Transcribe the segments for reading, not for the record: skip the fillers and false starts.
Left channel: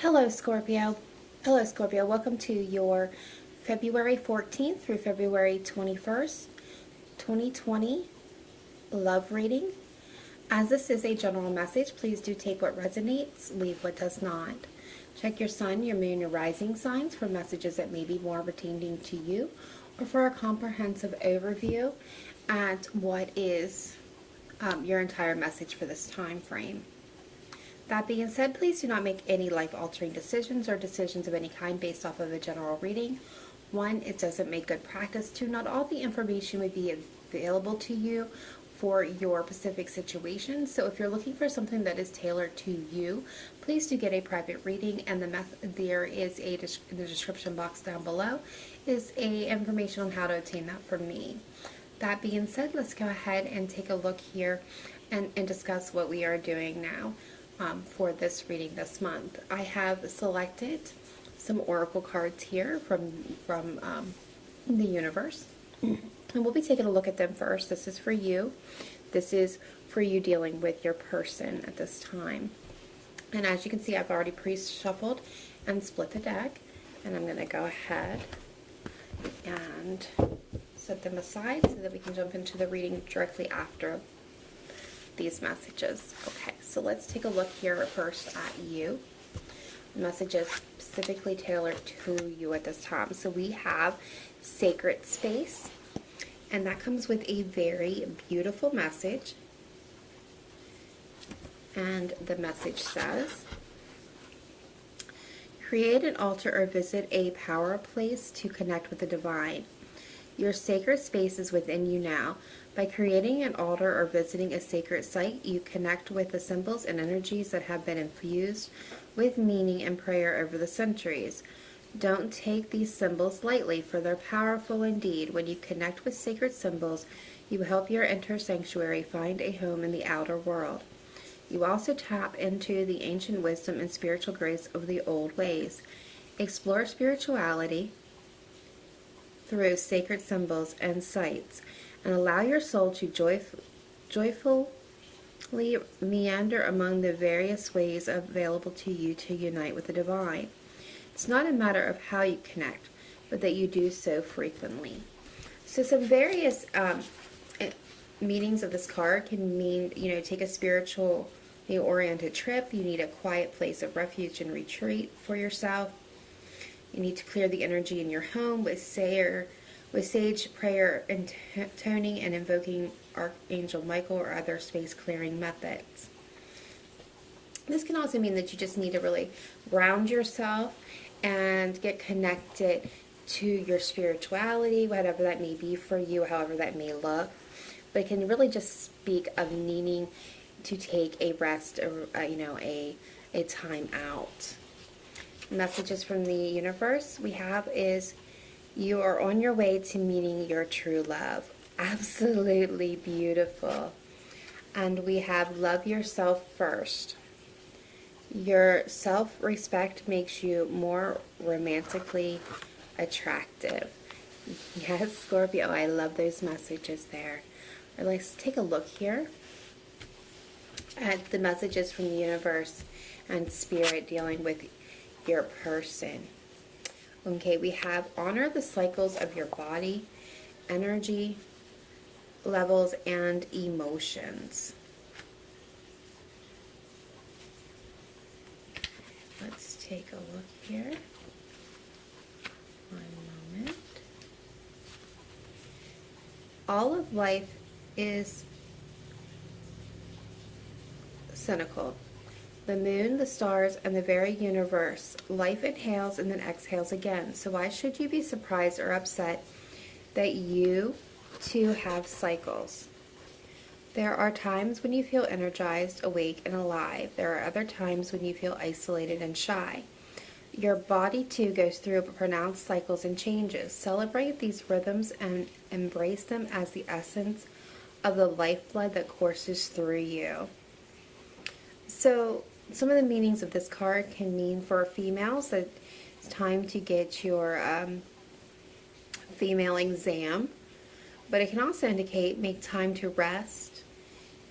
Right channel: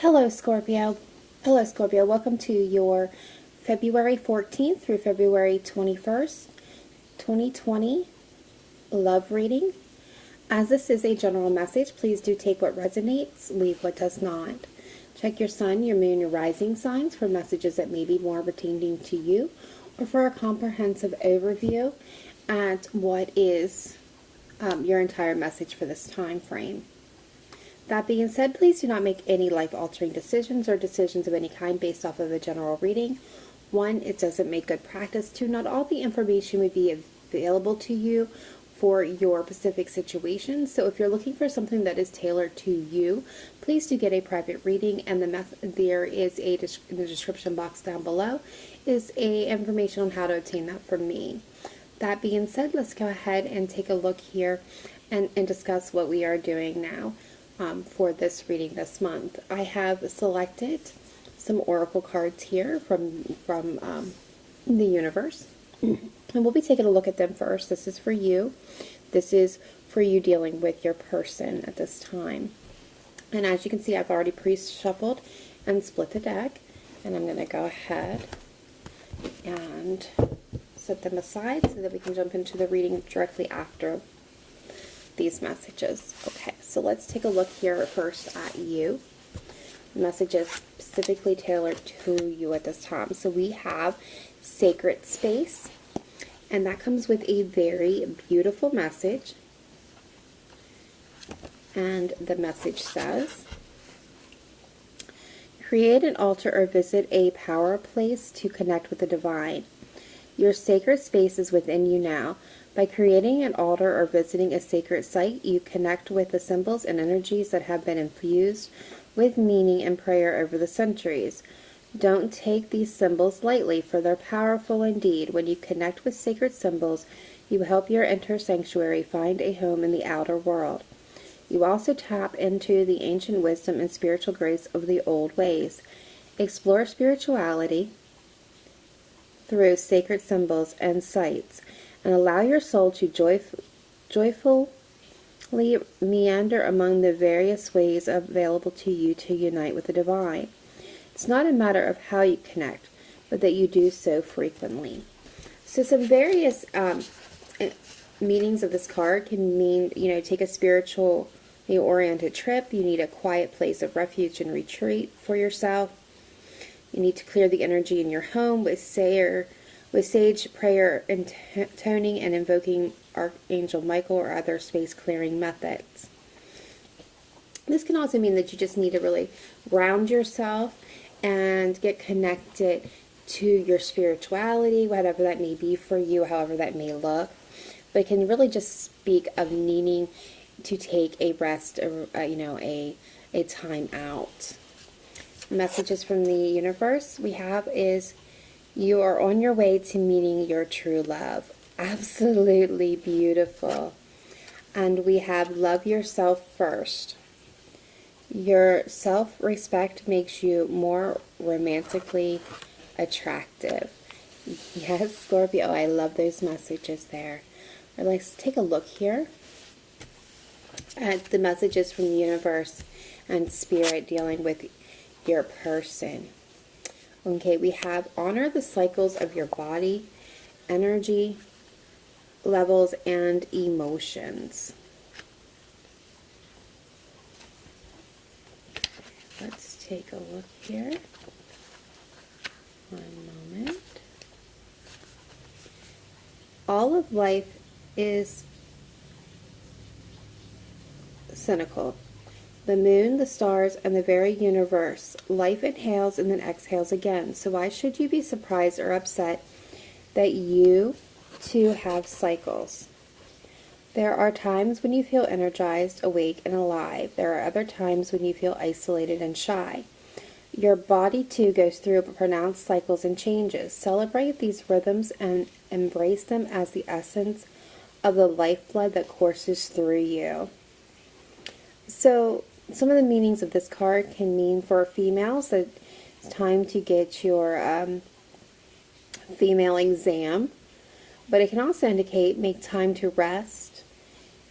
Hello, Scorpio. Hello, Scorpio. Welcome to your February 14th through February 21st, 2020 love reading. As this is a general message, please do take what resonates, leave what does not. Check your sun, your moon, your rising signs for messages that may be more pertaining to you, or for a comprehensive overview at what is your entire message for this time frame. That being said, please do not make any life-altering decisions or decisions of any kind based off of a general reading. 1, it doesn't make good practice. 2, not all the information would be available to you for your specific situation. So if you're looking for something that is tailored to you, please do get a private reading, and there is the description box down below is information on how to obtain that from me. That being said, let's go ahead and take a look here and discuss what we are doing now. For this reading this month, I have selected some oracle cards here from the universe, and we'll be taking a look at them first. This is for you. This is for you dealing with your person at this time. And as you can see, I've already pre-shuffled and split the deck, and I'm going to go ahead and set them aside so that we can jump into the reading directly after these messages. Okay, so let's take a look here first at you. Messages specifically tailored to you at this time. So we have sacred space, and that comes with a very beautiful message. And the message says, create an altar or visit a power place to connect with the divine. Your sacred space is within you now. By creating an altar or visiting a sacred site, you connect with the symbols and energies that have been infused with meaning and prayer over the centuries. Don't take these symbols lightly, for they're powerful indeed. When you connect with sacred symbols, you help your inner sanctuary find a home in the outer world. You also tap into the ancient wisdom and spiritual grace of the old ways. Explore spirituality through sacred symbols and sites, and allow your soul to joyfully meander among the various ways available to you to unite with the divine. It's not a matter of how you connect, but that you do so frequently. So some various meanings of this card can mean, take a spiritually oriented trip. You need a quiet place of refuge and retreat for yourself. You need to clear the energy in your home with sage prayer, intoning and invoking Archangel Michael or other space clearing methods. This can also mean that you just need to really ground yourself and get connected to your spirituality, whatever that may be for you, however that may look. But it can really just speak of needing to take a rest or a time out. Messages from the universe we have is, you are on your way to meeting your true love. Absolutely beautiful. And we have love yourself first. Your self-respect makes you more romantically attractive. Yes, Scorpio, I love those messages there. Let's take a look here at the messages from the universe and spirit dealing with your person. Okay, we have honor the cycles of your body, energy levels, and emotions. Let's take a look here. One moment. All of life is cynical. The moon, the stars, and the very universe. Life inhales and then exhales again. So why should you be surprised or upset that you too have cycles? There are times when you feel energized, awake, and alive. There are other times when you feel isolated and shy. Your body too goes through pronounced cycles and changes. Celebrate these rhythms and embrace them as the essence of the lifeblood that courses through you. So some of the meanings of this card can mean for females that it's time to get your female exam, but it can also indicate make time to rest,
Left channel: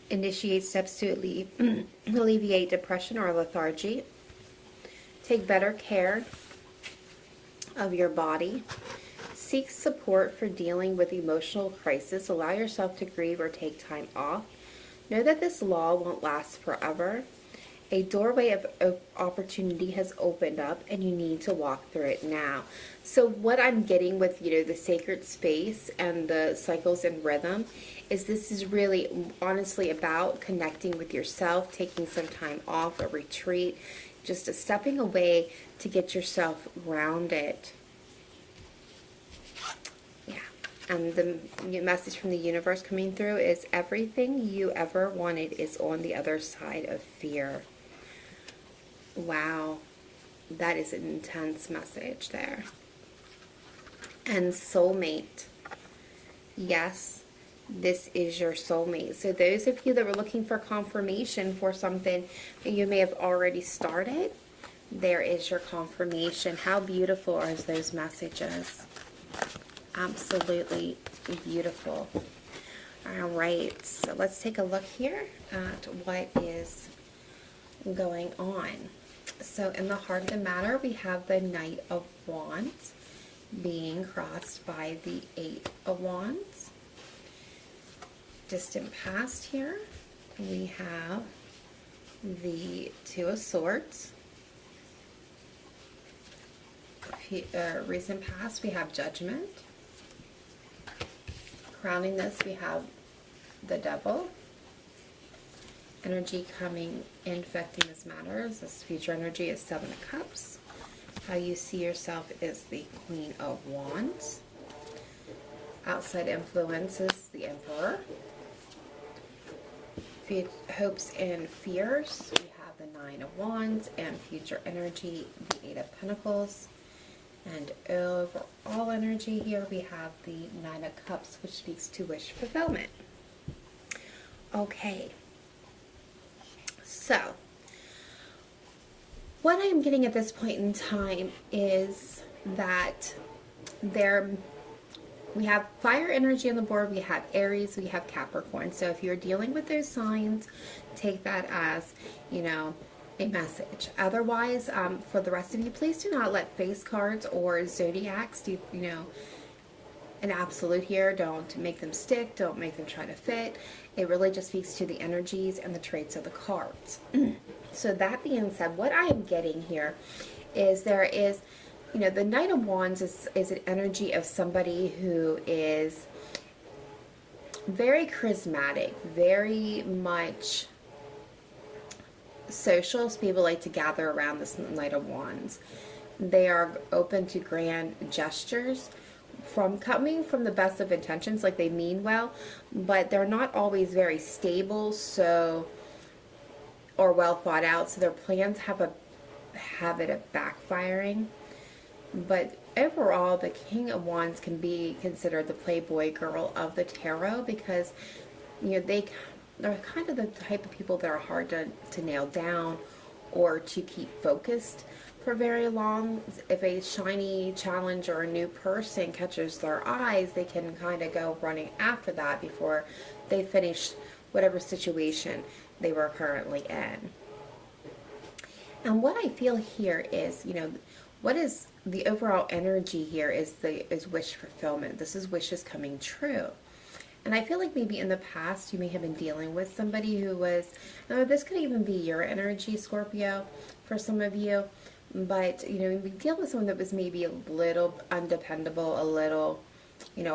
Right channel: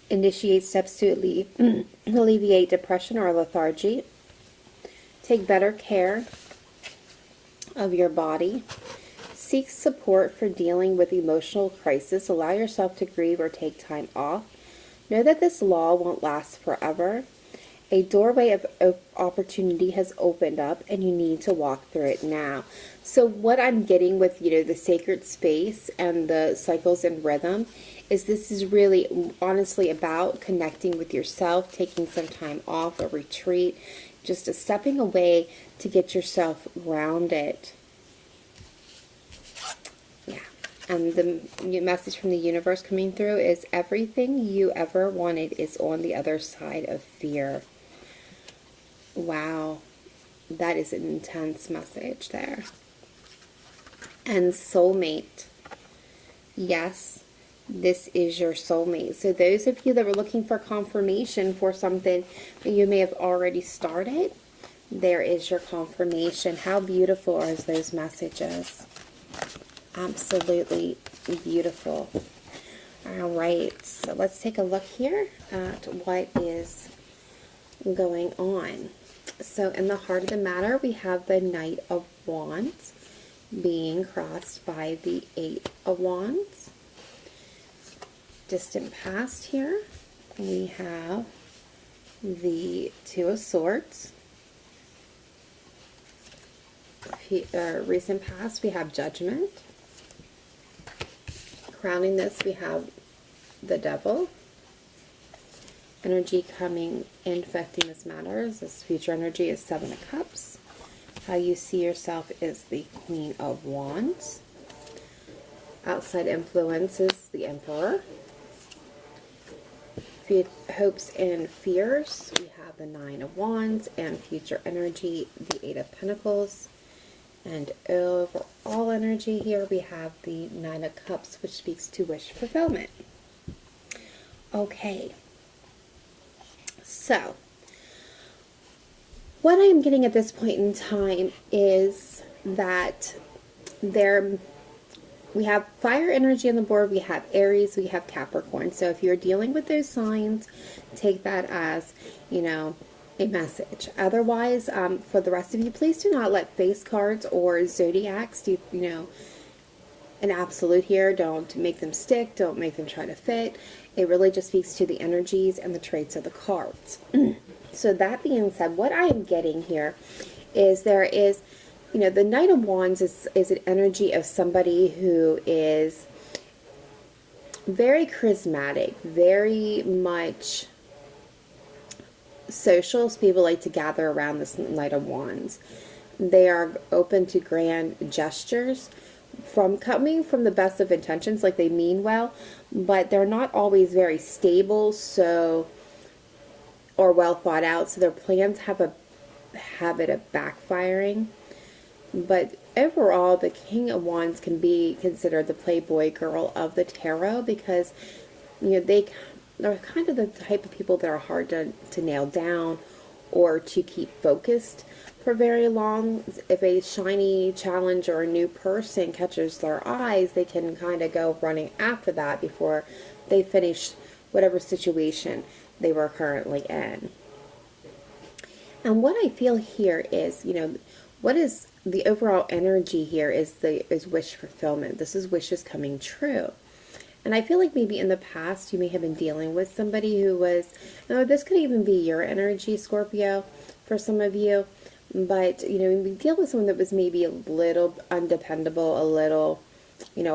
initiate steps to alleviate depression or lethargy, Take better care of your body. Seek support for dealing with emotional crisis. Allow yourself to grieve or take time off. Know that this law won't last forever. A doorway of opportunity has opened up, and you need to walk through it now. So what I'm getting with, the sacred space and the cycles and rhythm is this is really honestly about connecting with yourself, taking some time off, a retreat, just a stepping away to get yourself grounded. Yeah. And the message from the universe coming through is everything you ever wanted is on the other side of fear. Wow, that is an intense message there. And soulmate. Yes, this is your soulmate. So those of you that were looking for confirmation for something that you may have already started, there is your confirmation. How beautiful are those messages? Absolutely beautiful. All right, so let's take a look here at what is going on. So in the heart of the matter, we have the Knight of Wands being crossed by the Eight of Wands. Distant past here, we have the Two of Swords. Recent past, we have Judgment. Crowning this, we have the Devil. Energy coming in affecting this matter. This future energy is Seven of Cups. How you see yourself is the Queen of Wands. Outside influences, the Emperor. Hopes and fears, we have the Nine of Wands, and future energy, the Eight of Pentacles. And overall energy here, we have the Nine of Cups, which speaks to wish fulfillment. Okay. So, what I am getting at this point in time is that we have fire energy on the board, we have Aries, we have Capricorn. So if you're dealing with those signs, take that as, a message. Otherwise, for the rest of you, please do not let face cards or zodiacs do, an absolute here. Don't make them stick. Don't make them try to fit. It really just speaks to the energies and the traits of the cards. So that being said, what I am getting here is there is, the Knight of Wands is an energy of somebody who is very charismatic, very much social. So people like to gather around this Knight of Wands. They are open to grand gestures coming from the best of intentions, like they mean well, but they're not always very stable, or well thought out, so their plans have a habit of backfiring. But overall, the King of Wands can be considered the playboy girl of the tarot because, they're kind of the type of people that are hard to nail down or to keep focused for very long. If a shiny challenge or a new person catches their eyes, they can kind of go running after that before they finish whatever situation they were currently in. And what I feel here is, what is the overall energy here is wish fulfillment. This is wishes coming true. And I feel like maybe in the past you may have been dealing with somebody who was, this could even be your energy, Scorpio, for some of you. But, you deal with someone that was maybe a little undependable, a little,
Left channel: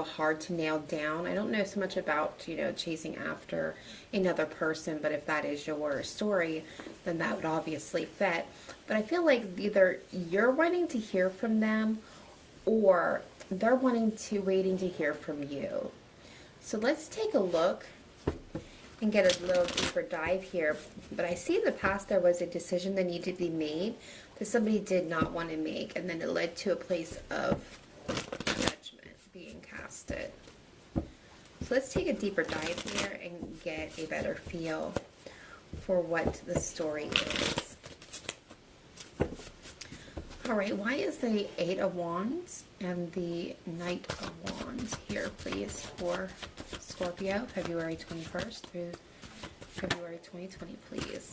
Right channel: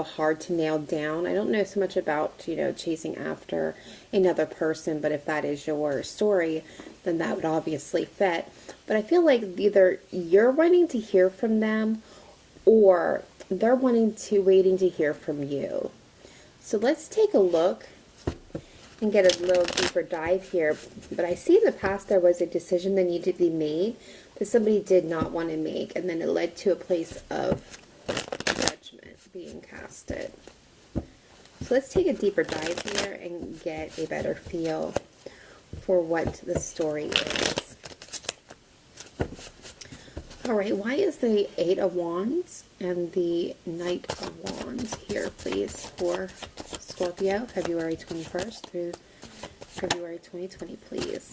hard to nail down. I don't know so much about, chasing after another person, but if that is your story, then that would obviously fit. But I feel like either you're wanting to hear from them or they're waiting to hear from you. So let's take a look and get a little deeper dive here. But I see in the past there was a decision that needed to be made that somebody did not want to make, and then it led to a place of judgment being casted. So let's take a deeper dive here and get a better feel for what the story is. Alright, why is the Eight of Wands and the Knight of Wands here, please, for Scorpio, February 21st through February 2020, please?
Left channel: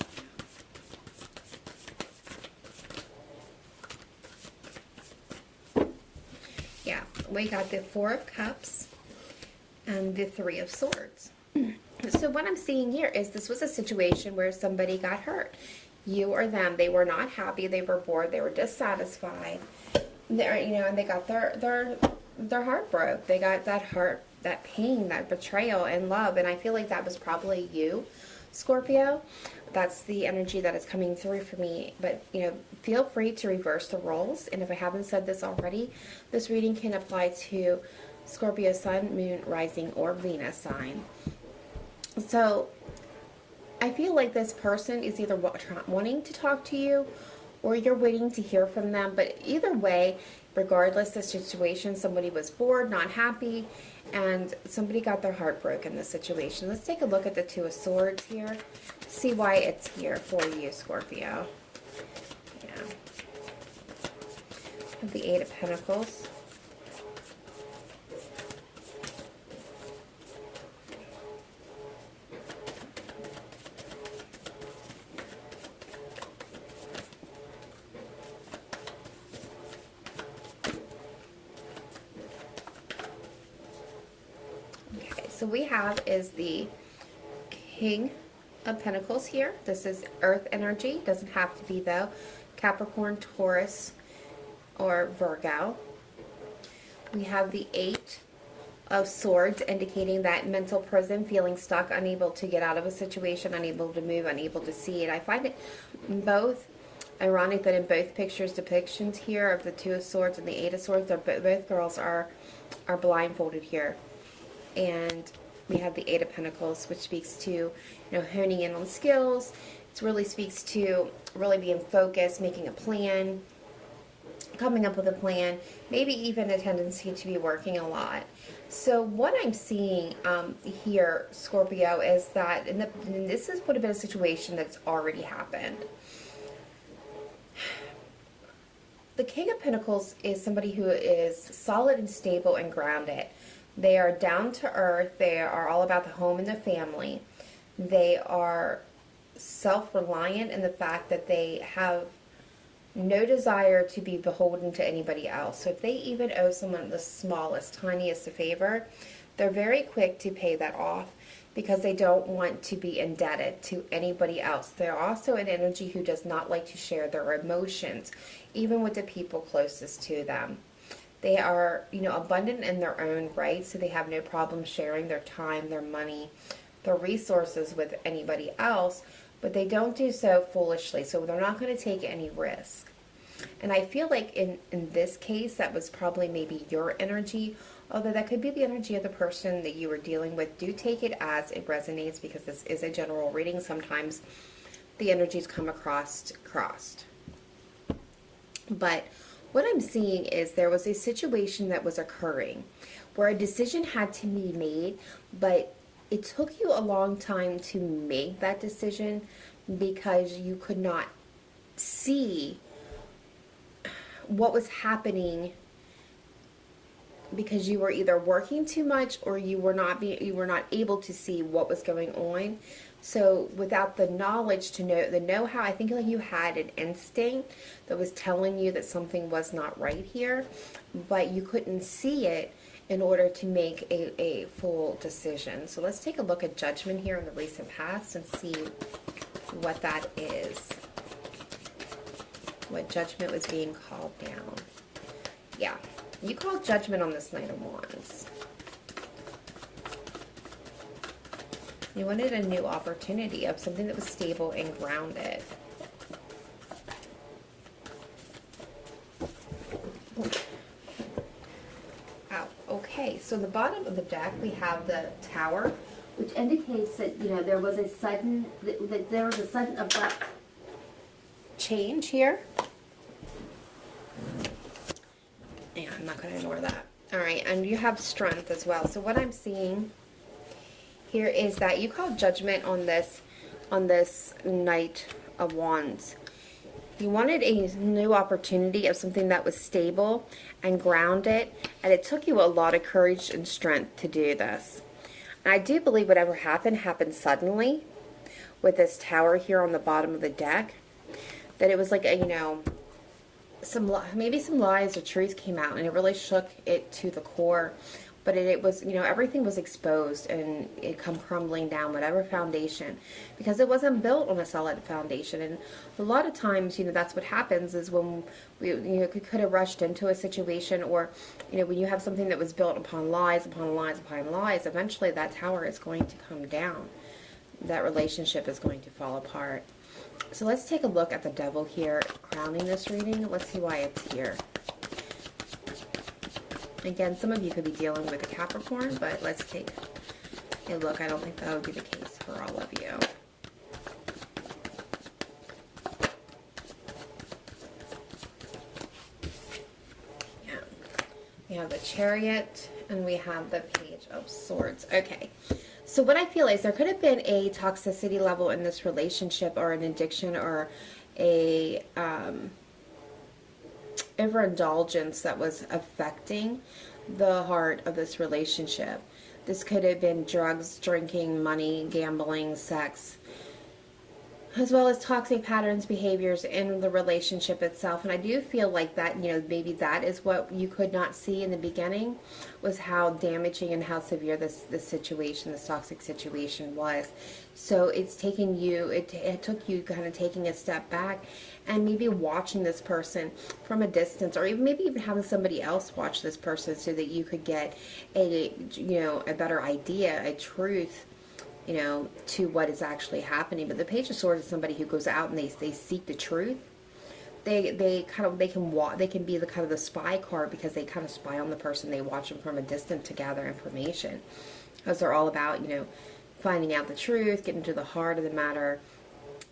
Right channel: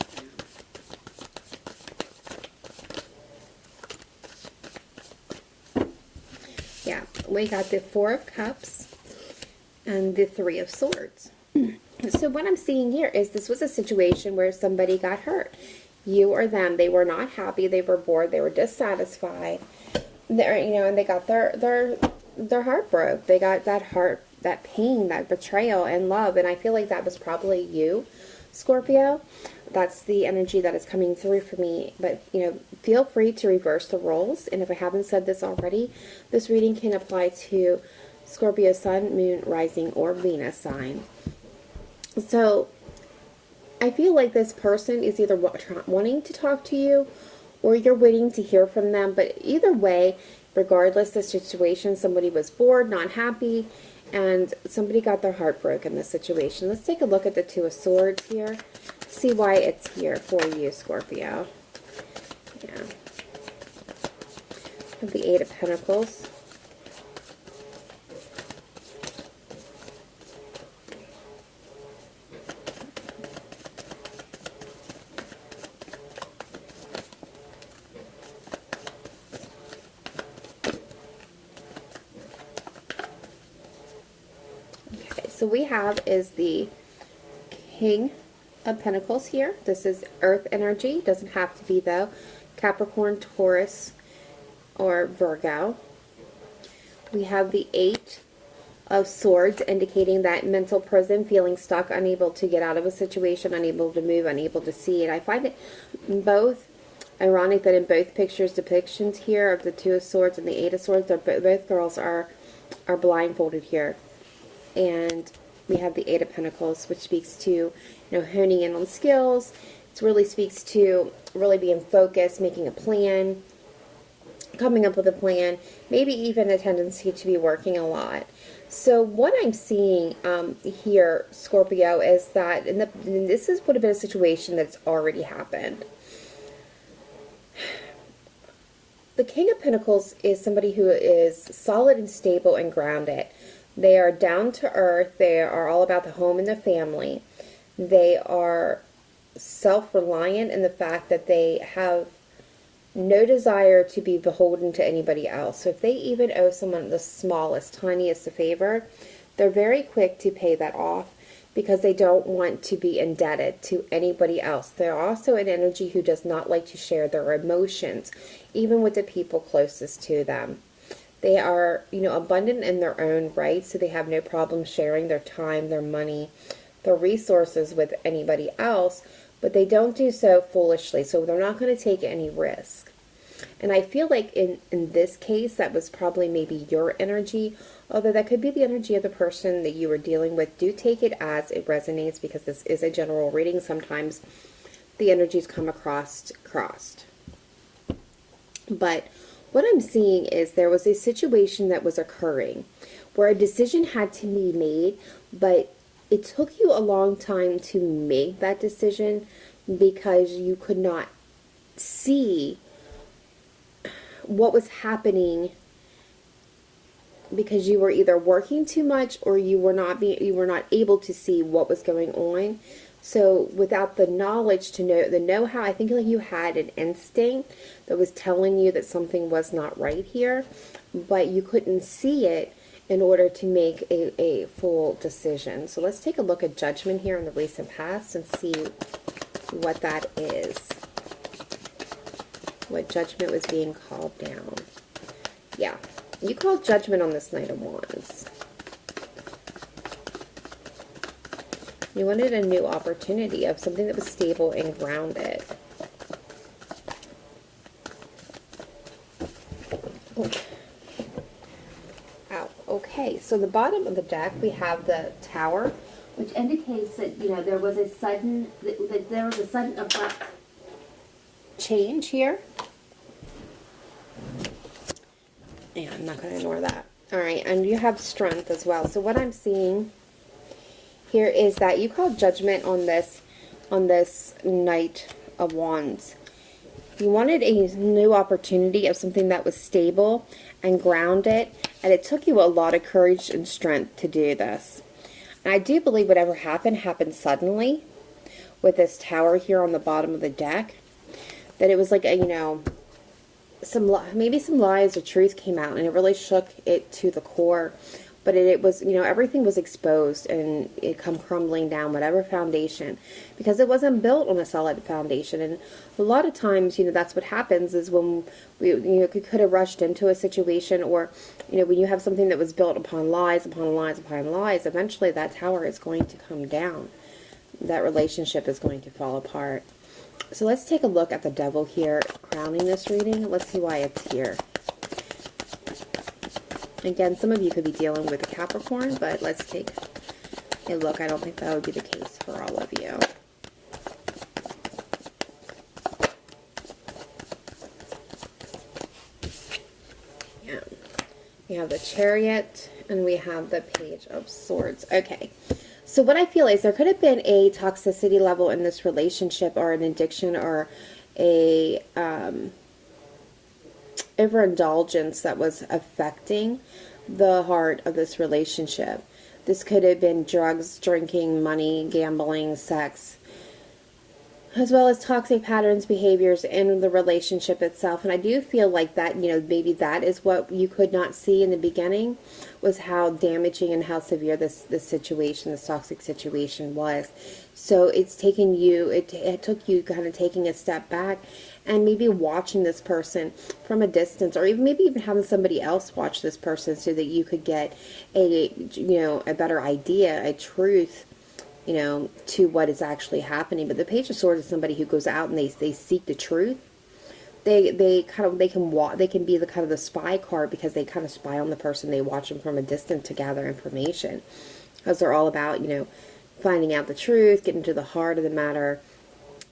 Yeah, we got the Four of Cups and the Three of Swords. So what I'm seeing here is this was a situation where somebody got hurt. You or them. They were not happy. They were bored. They were dissatisfied. They're, you know, and they got their heart broke. They got that pain, that betrayal and love. And I feel like that was probably you, Scorpio. That's the energy that is coming through for me. But, you know, feel free to reverse the roles. And if I haven't said this already, this reading can apply to Scorpio Sun, Moon, Rising, or Venus sign. So I feel like this person is either wanting to talk to you or you're waiting to hear from them. But either way, regardless of the situation, somebody was bored, not happy, and somebody got their heart broken in this situation. Let's take a look at the Two of Swords here. See why it's here for you, Scorpio. Yeah. The Eight of Pentacles. So we have is the King of Pentacles here. This is Earth energy. Doesn't have to be though. Capricorn, Taurus, or Virgo. We have the Eight of Swords, indicating that mental prison, feeling stuck, unable to get out of a situation, unable to move, unable to see. And I find it both ironic that in both pictures, depictions here of the Two of Swords and the Eight of Swords, both girls are blindfolded here. And we have the Eight of Pentacles, which speaks to, you know, honing in on skills. It really speaks to really being focused, making a plan, coming up with a plan, maybe even a tendency to be working a lot. So what I'm seeing here, Scorpio, is that and this would have been a situation that's already happened. The King of Pentacles is somebody who is solid and stable and grounded. They are down to earth. They are all about the home and the family. They are self-reliant in the fact that they have no desire to be beholden to anybody else. So if they even owe someone the smallest, tiniest a favor, they're very quick to pay that off because they don't want to be indebted to anybody else. They're also an energy who does not like to share their emotions, even with the people closest to them. They are, you know, abundant in their own right, so they have no problem sharing their time, their money, their resources with anybody else, but they don't do so foolishly, so they're not going to take any risk. And I feel like in this case, that was probably maybe your energy, although that could be the energy of the person that you were dealing with. Do take it as it resonates, because this is a general reading. Sometimes the energies come across crossed. But what I'm seeing is there was a situation that was occurring where a decision had to be made, but it took you a long time to make that decision because you could not see what was happening, because you were either working too much or you were not able to see what was going on. So without the knowledge to know, the know-how, I think like you had an instinct that was telling you that something was not right here, but you couldn't see it in order to make a full decision. So let's take a look at Judgment here in the recent past and see what that is. What Judgment was being called down. Yeah, you called Judgment on this Knight of Wands. You wanted a new opportunity of something that was stable and grounded. Wow. Okay, so the bottom of the deck, we have the Tower, which indicates that, you know, there was a sudden abrupt change here. Yeah, I'm not going to ignore that. All right, and you have Strength as well. So what I'm seeing here is that you called Judgment on this Knight of Wands. You wanted a new opportunity of something that was stable and grounded, and it took you a lot of courage and strength to do this. And I do believe whatever happened suddenly with this Tower here on the bottom of the deck, that it was like a, you know, maybe some lies or truth came out, and it really shook it to the core. But it was, everything was exposed, and it come crumbling down, whatever foundation, because it wasn't built on a solid foundation. And a lot of times, that's what happens is when we could have rushed into a situation, or, when you have something that was built upon lies, upon lies, upon lies, eventually that tower is going to come down. That relationship is going to fall apart. So let's take a look at the devil here, crowning this reading. Let's see why it's here. Again, some of you could be dealing with a Capricorn, but let's take a look. I don't think that would be the case for all of you. Yeah. We have the Chariot, and we have the Page of Swords. Okay. So what I feel is there could have been a toxicity level in this relationship, or an addiction, or a overindulgence that was affecting the heart of this relationship. This could have been drugs, drinking, money, gambling, sex, as well as toxic patterns, behaviors in the relationship itself. And I do feel like that, maybe that is what you could not see in the beginning, was how damaging and how severe this situation, this toxic situation was. So it's taken you, it took you kind of taking a step back and maybe watching this person from a distance, or maybe even having somebody else watch this person so that you could get a better idea, a truth, to what is actually happening. But the Page of Swords is somebody who goes out and they seek the truth. They can be the kind of the spy card, because they kind of spy on the person. They watch them from a distance to gather information, because they're all about finding out the truth, getting to the heart of the matter.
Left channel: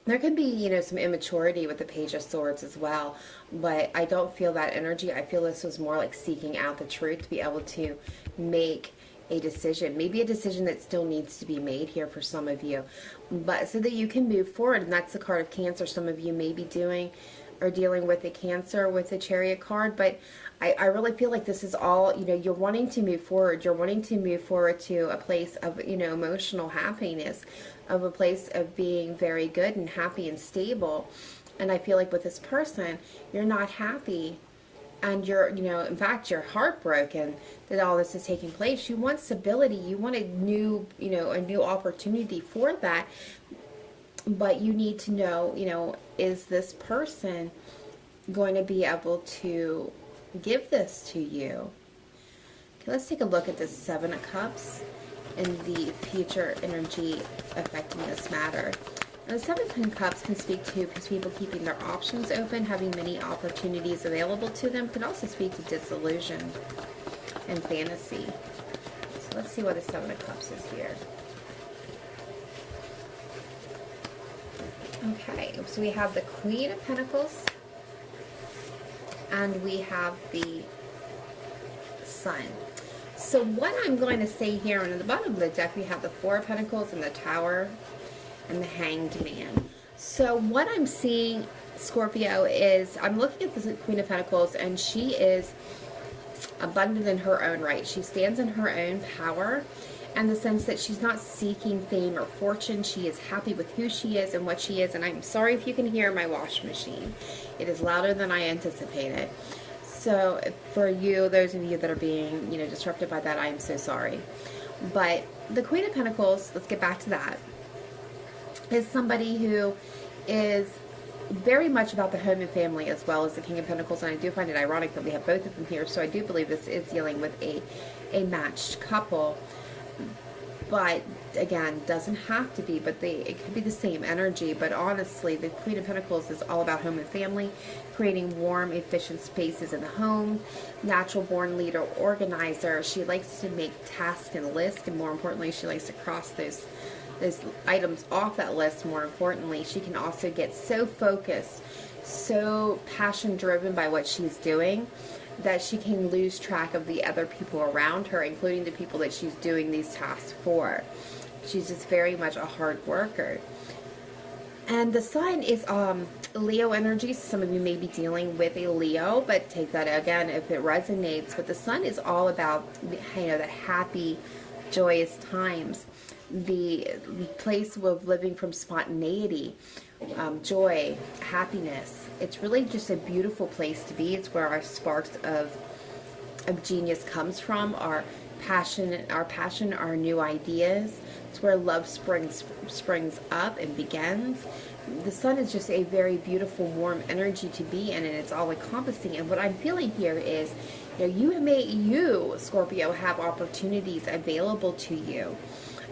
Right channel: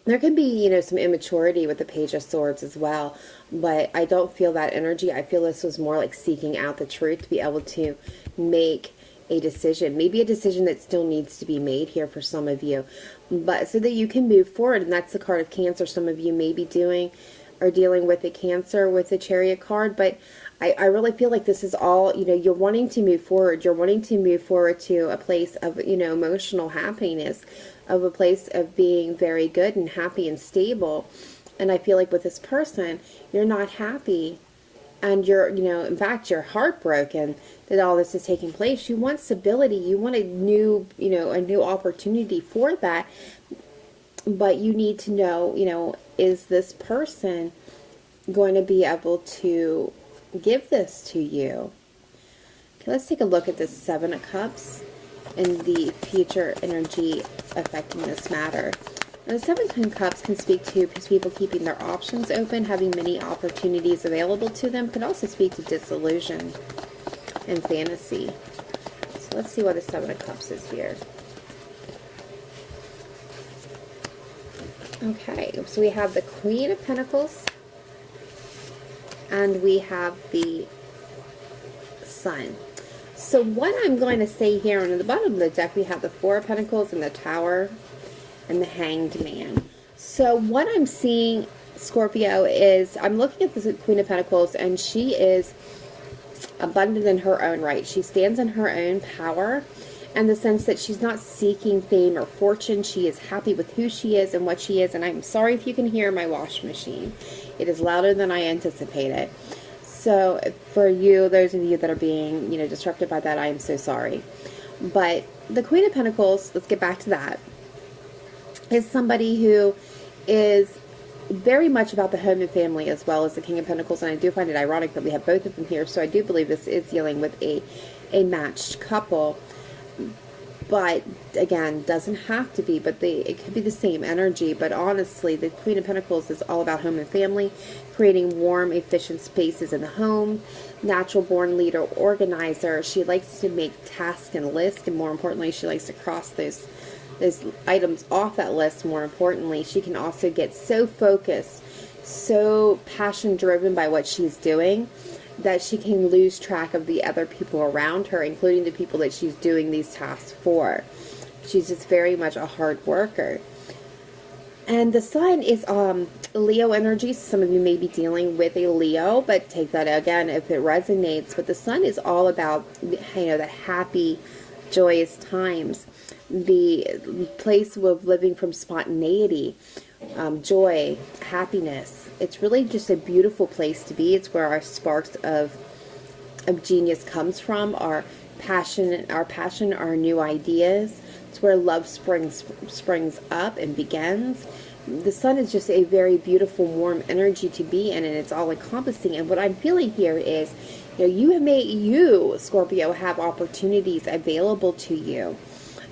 There can be some immaturity with the Page of Swords as well, but I don't feel that energy. I feel this was more like seeking out the truth to be able to make a decision, maybe a decision that still needs to be made here for some of you, but so that you can move forward. And that's the card of Cancer. Some of you may be dealing with the Cancer with the Chariot card, but I really feel like this is all, you're wanting to move forward. You're wanting to move forward to a place of, emotional happiness, of a place of being very good and happy and stable. And I feel like with this person, you're not happy, and you're, in fact, you're heartbroken that all this is taking place. You want stability. You want a new, a new opportunity for that. But you need to know, is this person going to be able to give this to you? Okay, let's take a look at this Seven of Cups and the future energy affecting this matter. The Seven of Cups can speak to people keeping their options open, having many opportunities available to them. Can also speak to disillusion and fantasy. So let's see what the Seven of Cups is here. Okay, so we have the Queen of Pentacles, and we have the Sun. So what I'm going to say here, and at the bottom of the deck, we have the Four of Pentacles and the Tower and the Hanged Man. So what I'm seeing, Scorpio, is I'm looking at the Queen of Pentacles, and she is abundant in her own right. She stands in her own power, in the sense that she's not seeking fame or fortune. She is happy with who she is and what she is. And I'm sorry if you can hear my washing machine. It is louder than I anticipated. So for you, those of you that are being, disrupted by that, I am so sorry. But the Queen of Pentacles, let's get back to that, is somebody who is very much about the home and family, as well as the King of Pentacles. And I do find it ironic that we have both of them here. So I do believe this is dealing with a matched couple. But again, doesn't have to be, but it could be the same energy. But honestly, the Queen of Pentacles is all about home and family, creating warm, efficient spaces in the home. Natural born leader, organizer. She likes to make tasks and lists, and more importantly, she likes to cross those items off that list. More importantly, she can also get so focused, so passion driven by what she's doing, that she can lose track of the other people around her, including the people that she's doing these tasks for. She's just very much a hard worker. And the Sun is Leo energy. So some of you may be dealing with a Leo, but take that again if it resonates. But the Sun is all about, the happy, joyous times, the place of living from spontaneity, joy, happiness. It's really just a beautiful place to be. It's where our sparks of genius comes from, our passion, our new ideas. It's where love springs up and begins. The sun is just a very beautiful, warm energy to be in, and it's all encompassing. And what I'm feeling here is, you, Scorpio, have opportunities available to you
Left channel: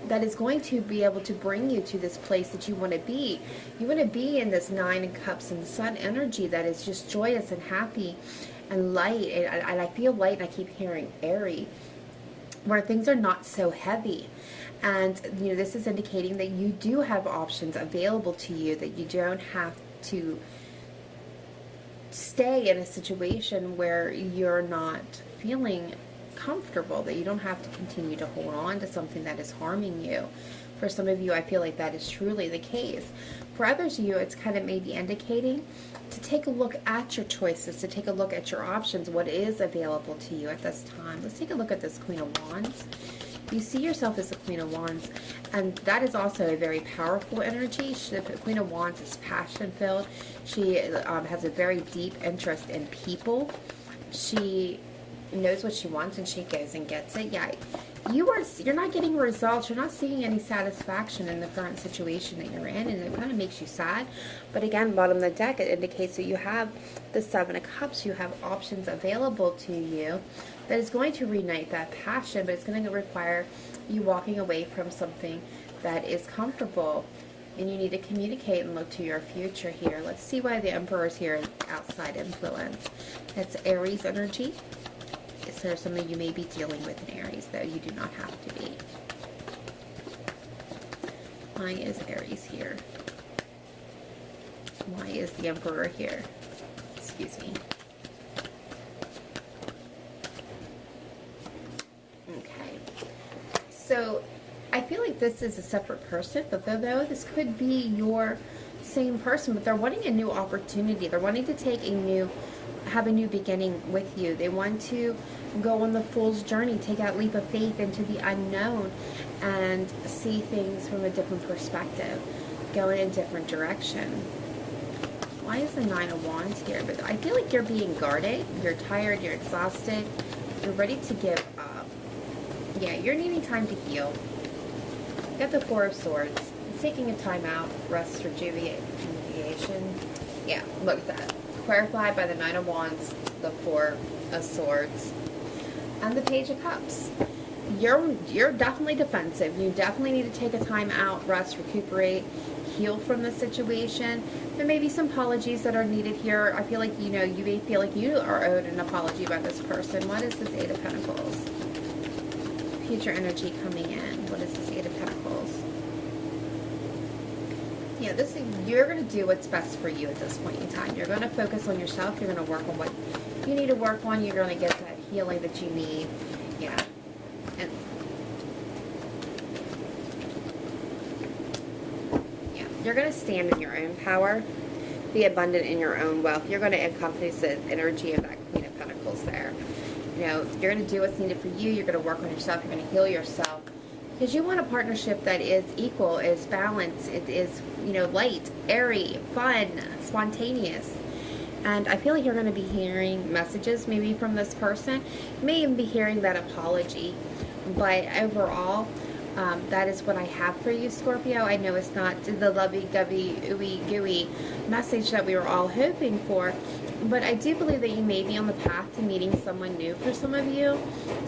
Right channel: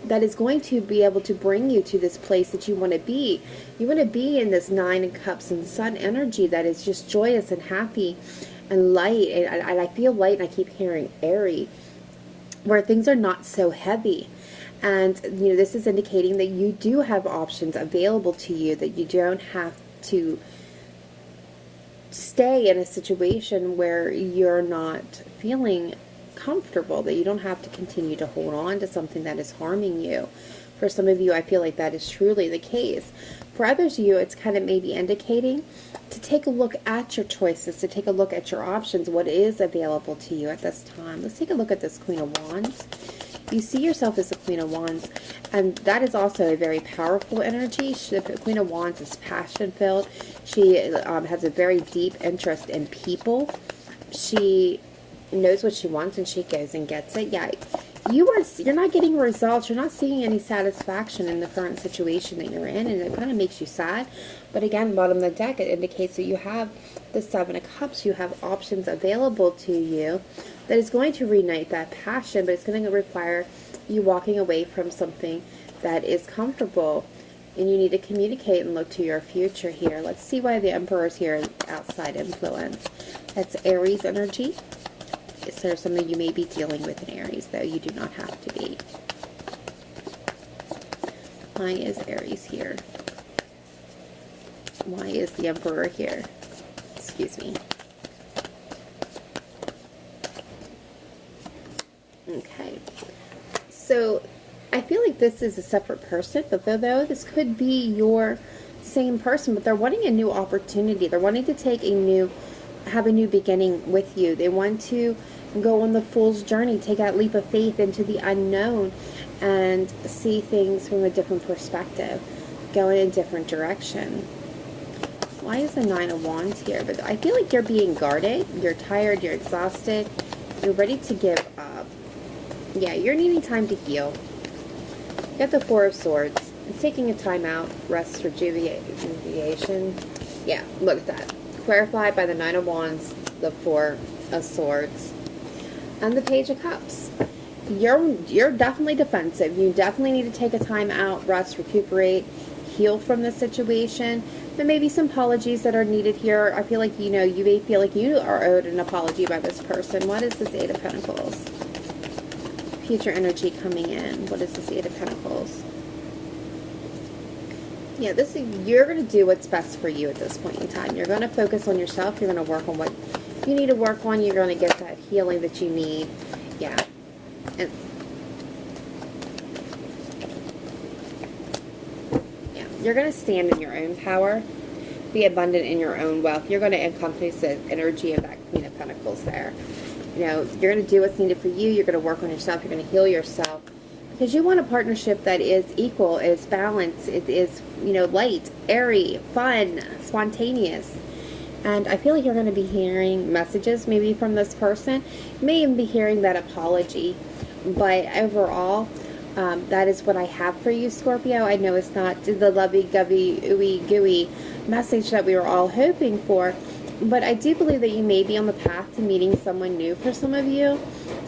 that is going to be able to bring you to this place that you want to be. You want to be in this Nine of Cups and Sun energy that is just joyous and happy and light. And I feel light, and I keep hearing airy, where things are not so heavy. And, this is indicating that you do have options available to you, that you don't have to stay in a situation where you're not feeling comfortable, that you don't have to continue to hold on to something that is harming you. For some of you, I feel like that is truly the case. For others of you, it's kind of maybe indicating to take a look at your choices, to take a look at your options, what is available to you at this time. Let's take a look at this Queen of Wands. You see yourself as the Queen of Wands, and that is also a very powerful energy. The Queen of Wands is passion-filled. She has a very deep interest in people. She knows what she wants, and she goes and gets it. Yeah, you're not getting results. You're not seeing any satisfaction in the current situation that you're in, and it kind of makes you sad. But again, bottom of the deck, it indicates that you have the Seven of Cups. You have options available to you that is going to reignite that passion, but it's going to require you walking away from something that is comfortable, and you need to communicate and look to your future here. Let's see why the Emperor is here, outside influence. That's Aries energy. Is there something you may be dealing with in Aries, though you do not have to be? Why is Aries here? Why is the Emperor here? Excuse me. Okay. So, I feel like this is a separate person, but though this could be your same person, but they're wanting a new opportunity. They're wanting to have a new beginning with you. They want to go on the fool's journey, take that leap of faith into the unknown, and see things from a different perspective, go in a different direction. Why is the Nine of Wands here? But I feel like you're being guarded, you're tired, you're exhausted, you're ready to give up. Yeah, you're needing time to heal. You got the Four of Swords. It's taking a time out, rest, rejuvenation. Yeah, look at that. Clarified by the Nine of Wands, the Four of Swords, and the Page of Cups. You're definitely defensive. You definitely need to take a time out, rest, recuperate, heal from the situation. There may be some apologies that are needed here. I feel like, you may feel like you are owed an apology by this person. What is this Eight of Pentacles? Future energy coming in. What is this Eight of Pentacles? Yeah, you're going to do what's best for you at this point in time. You're going to focus on yourself. You're going to work on what you need to work on. You're going to get that healing that you need. Yeah. And yeah, you're going to stand in your own power. Be abundant in your own wealth. You're going to encompass the energy of that Queen of Pentacles there. You're going to do what's needed for you. You're going to work on yourself. You're going to heal yourself. Because you want a partnership that is equal, is balanced, it is, light, airy, fun, spontaneous. And I feel like you're going to be hearing messages maybe from this person. You may even be hearing that apology. But overall, that is what I have for you, Scorpio. I know it's not the lovey-govey, ooey-gooey message that we were all hoping for. But I do believe that you may be on the path to meeting someone new for some of you.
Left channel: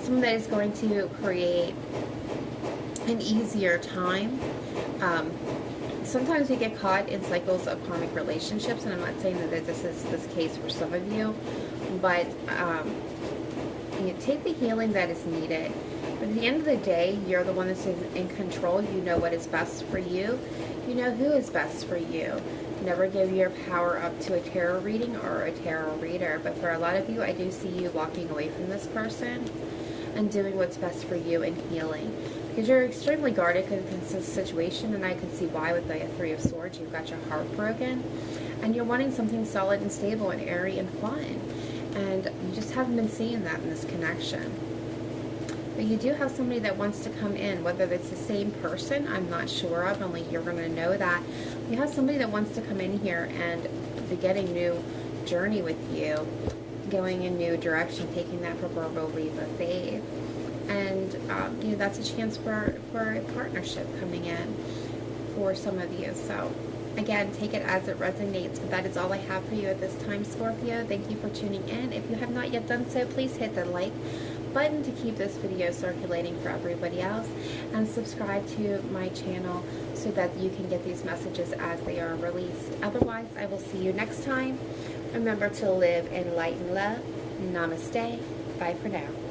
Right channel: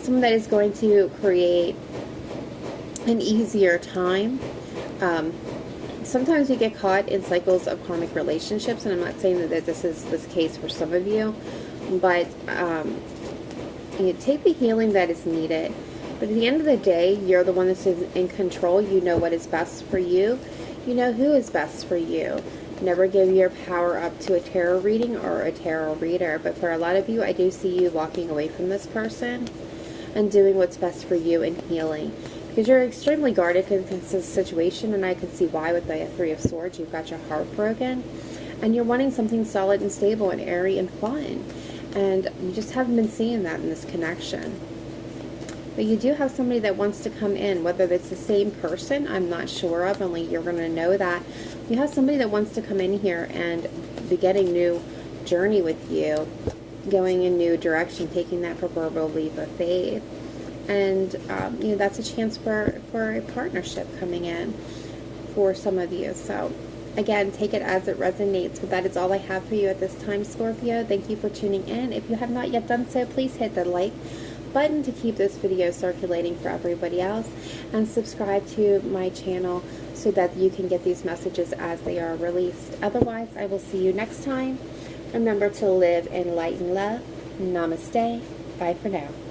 Someone that is going to create an easier time. Sometimes we get caught in cycles of karmic relationships, and I'm not saying that this is this case for some of you, but you take the healing that is needed. But at the end of the day, you're the one that's in control. You know what is best for you. You know who is best for you. Never give your power up to a tarot reading or a tarot reader. But for a lot of you, I do see you walking away from this person and doing what's best for you and healing. Because you're extremely guarded in this situation, and I can see why with the Three of Swords. You've got your heart broken, and you're wanting something solid and stable and airy and fun. And you just haven't been seeing that in this connection. But you do have somebody that wants to come in, whether it's the same person, I'm not sure of, only you're going to know that. You have somebody that wants to come in here and beginning new journey with you, going in new direction, taking that proverbial leap of faith. And, you know, that's a chance for a partnership coming in for some of you. So, again, take it as it resonates. But that is all I have for you at this time, Scorpio. Thank you for tuning in. If you have not yet done so, please hit the like button to keep this video circulating for everybody else, and subscribe to my channel so that you can get these messages as they are released. Otherwise, I will see you next time. Remember to live in light and love. Namaste. Bye for now.